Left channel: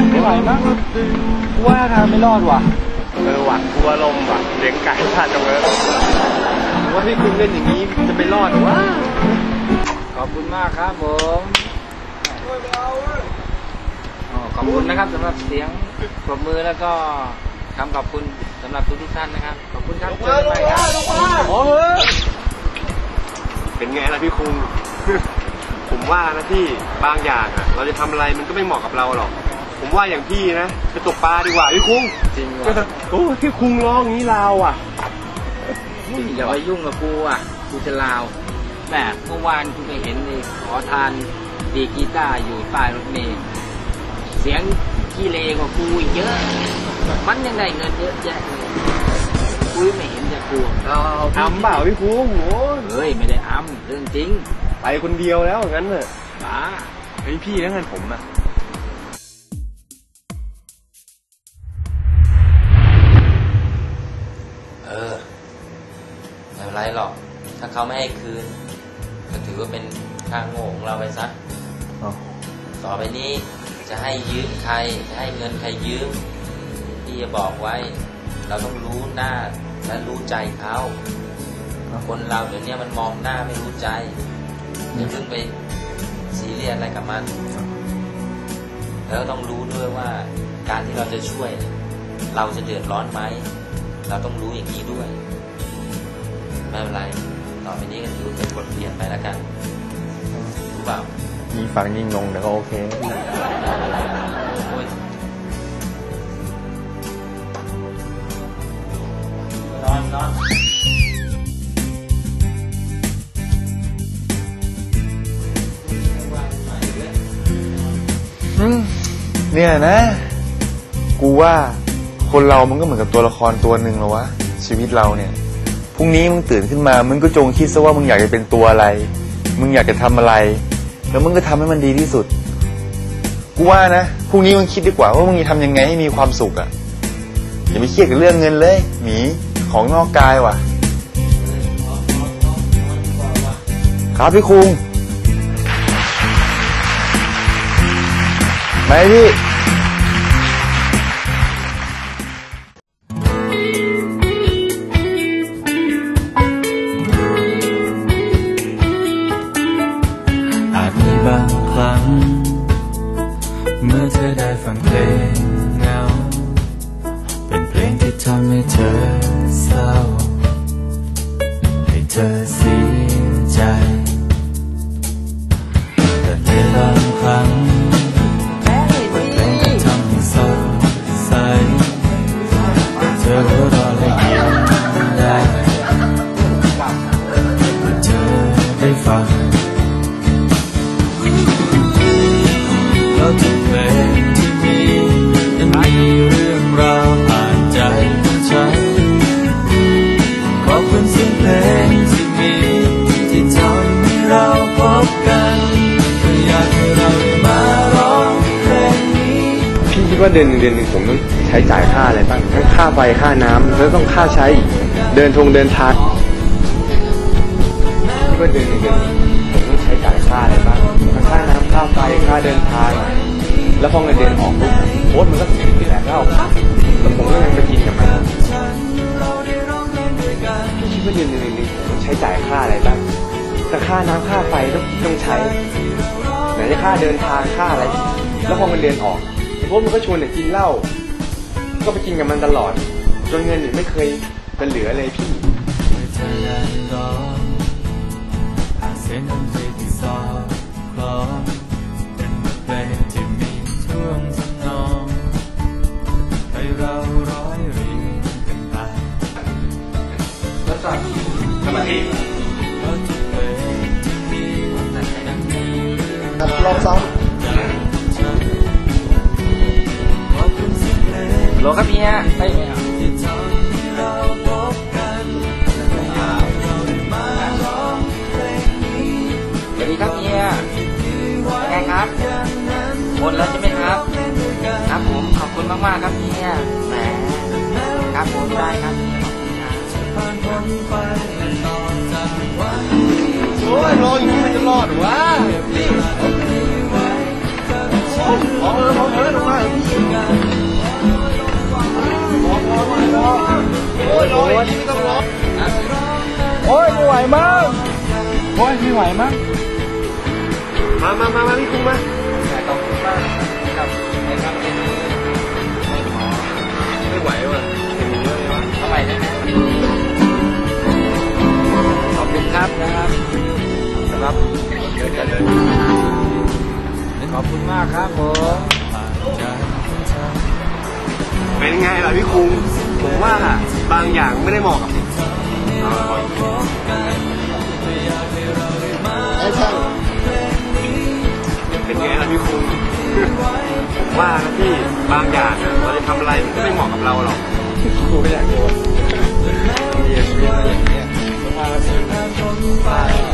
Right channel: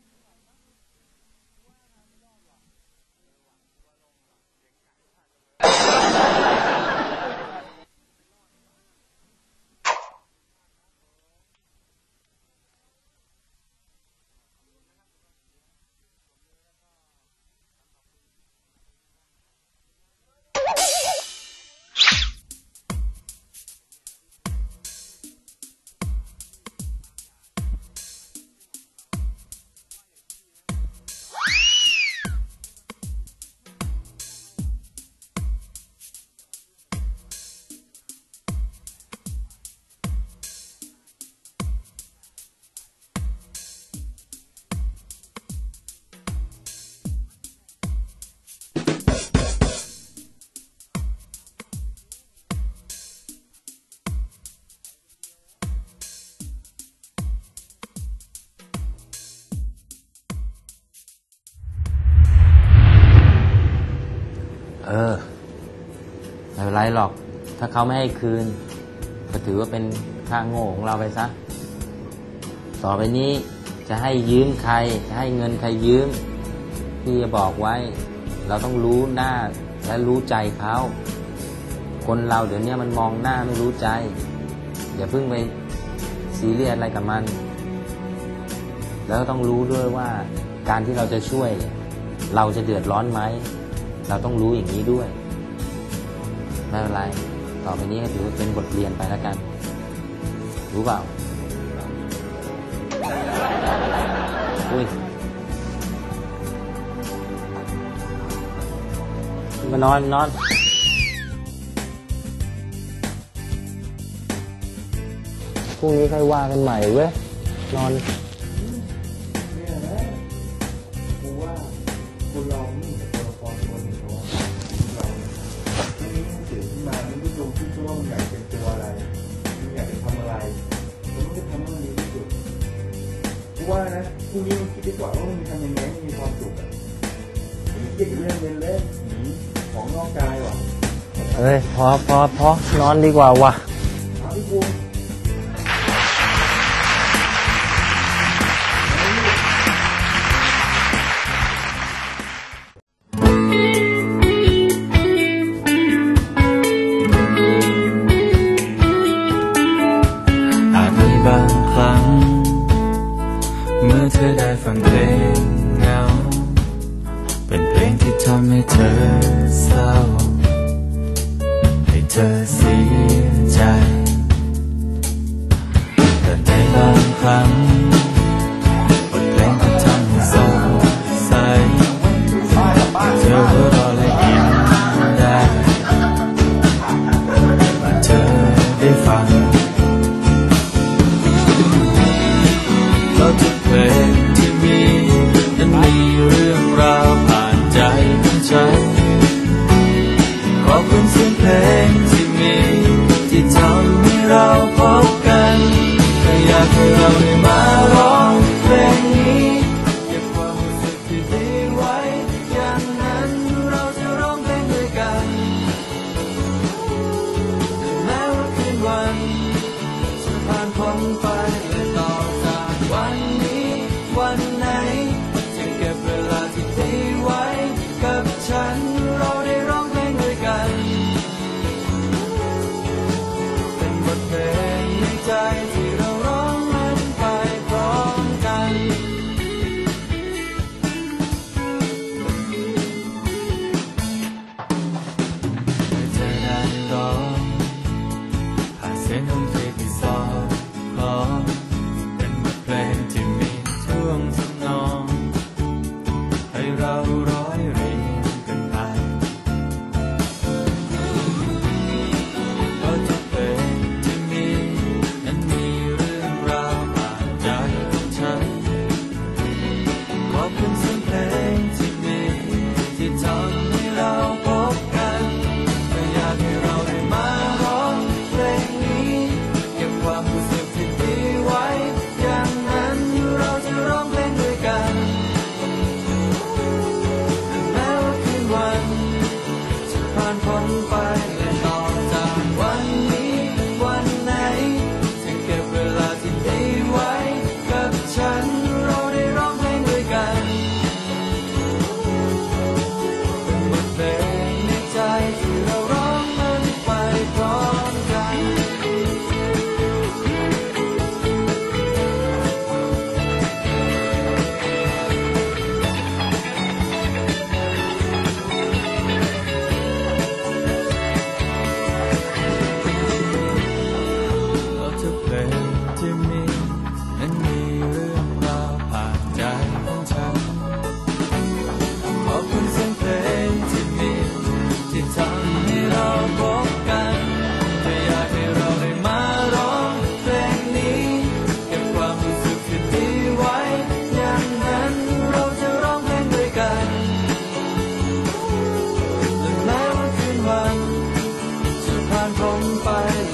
ยไม่ไหวมั้งกูว่าทางไม่รอดว่ะเออว่ะกลัวลมว่ะเลี้ยงไก่พลาดจังเลยว่าพี่คุณเล่นอย่างนี้จะไม่รอดหรอวะขอบคุณมากครับผมอ๋อขอบคุณนะครับสำหรับเสียงปรบมือแล้วก็คำขอบคุณสำหรับทุกทุกๆท่านนะครับ ขอบคุณครับเจอกันใหม่ครับโอ้ยเป็นไงล่ะพี่คุงผมว่านะพี่บางอย่างอะ เราจะทำอะไรมันก็ไม่เหมาะกับเราหรอก ผมว่าอย่างพี่นะไปตกปลาดีกว่าพี่คุงจริงว่ะโอ้พี่คุงร้องอย่างนี้ลาวอะอย่าไปยุ่งกับกูอะกูจะลาวแต่เมื่อวานกูไปเห็นนี่ขอทานดีดกีตาร์อยู่ป้ายรถเมล์เสียงขี้เลกว่ากูอีกเยอะ มันยังได้เงินเยอะแยะเลยกูไม่เห็นจะกลัวทำเปล่าพี่คุงโอ้ยเฮ้ยไม่ได้อ้ำเรื่องจริง ไปคนเดียวแล้วงั้นเถอะป้าเฮ้ยพี่นั่นเงินผมอะ ออไม่เป็นไรหรอก ถ้าเขาไม่ให้คืน ก็ถือว่าเป็นค่าโง่ของเราไปซะต่อไปนี้จะให้ยืมใครจะให้เงินใครยืมพี่จะบอกไว้ เราต้องรู้หน้าและรู้ใจเขาคนเราเดี๋ยวนี้มันมองหน้าไม่รู้ใจอย่าเพิ่งไปซีเรียสอะไรกับมัน แล้วต้องรู้ด้วยว่าการที่เราจะช่วย เราจะเดือดร้อนไหม เราต้องรู้อย่างนี้ด้วย ไม่เป็นไรต่อไปนี้ก็ถือว่าเป็นบทเรียนไปแล้วกัน รู้เปล่ายิงฟังยิงลงเดี๋ยวก็โอเคอุ้ยมานอนนอนพรุ่งนี้ค่อยว่ากันใหม่เว้ย นอน เนี่ยนะ กูว่า คนเรามันก็เหมือนกับตัวละครตัวหนึ่งแล้ววะชีวิตเราเนี่ยพรุ่งนี้มึงตื่นขึ้นมา มึงก็จงคิดซะว่ามึงอยากจะเป็นตัวอะไร มึงอยากจะทำอะไร แล้วมึงก็ทำให้มันดีที่สุด กูว่านะพรุ่งนี้มึงคิดดีกว่าว่ามึงจะทำยังไงให้มีความสุขอะอย่าไปเครียดกับเรื่องเงินเลยหมีของนอกกายว่ะเฮ้ยพอพอพอนอนดีกว่าวะครับพี่คุงไหนพี่ เดือนหนึ่งเดือนหนึ่งผมต้องใช้จ่ายค่าอะไรบ้างค่าไฟค่าน้ำแล้วต้องค่าใช้เดินทงเดินทางคิดว่าเดือนหนึ่งเดือนหนึ่งผมต้องใช้จ่ายค่าอะไรบ้างค่าน้ำค่าไฟค่าเดินทางแล้วพอเงินเดือนออกโค้ดมันก็ถึงเดือนแล้วแล้วผมก็ไปกินกับมันฉันเราได้ร้องเพลงด้วยกันคิดว่าเดือนหนึ่งใช้จ่ายค่าอะไรบ้างแต่ค่าน้ำค่าไฟก็ต้องใช้ที่ค่าเดินทางค่าอะไรแล้วพอมันเรียนออก พวกมันก็ชวนเด็กกินเหล้า ก็ไปกินกับมันตลอด จนเงินไม่เคยจะเหลือเลยพี่เธอได้ร้องผ่านเสียงดนตรีที่สอดคล้องเป็นบทเพลงที่มีท่วงทำนอง ให้เราร้อย ลงโว่าบางอย่างไม่ได้เหมาะว่าบางอย่างเราไรไเหมาะไม่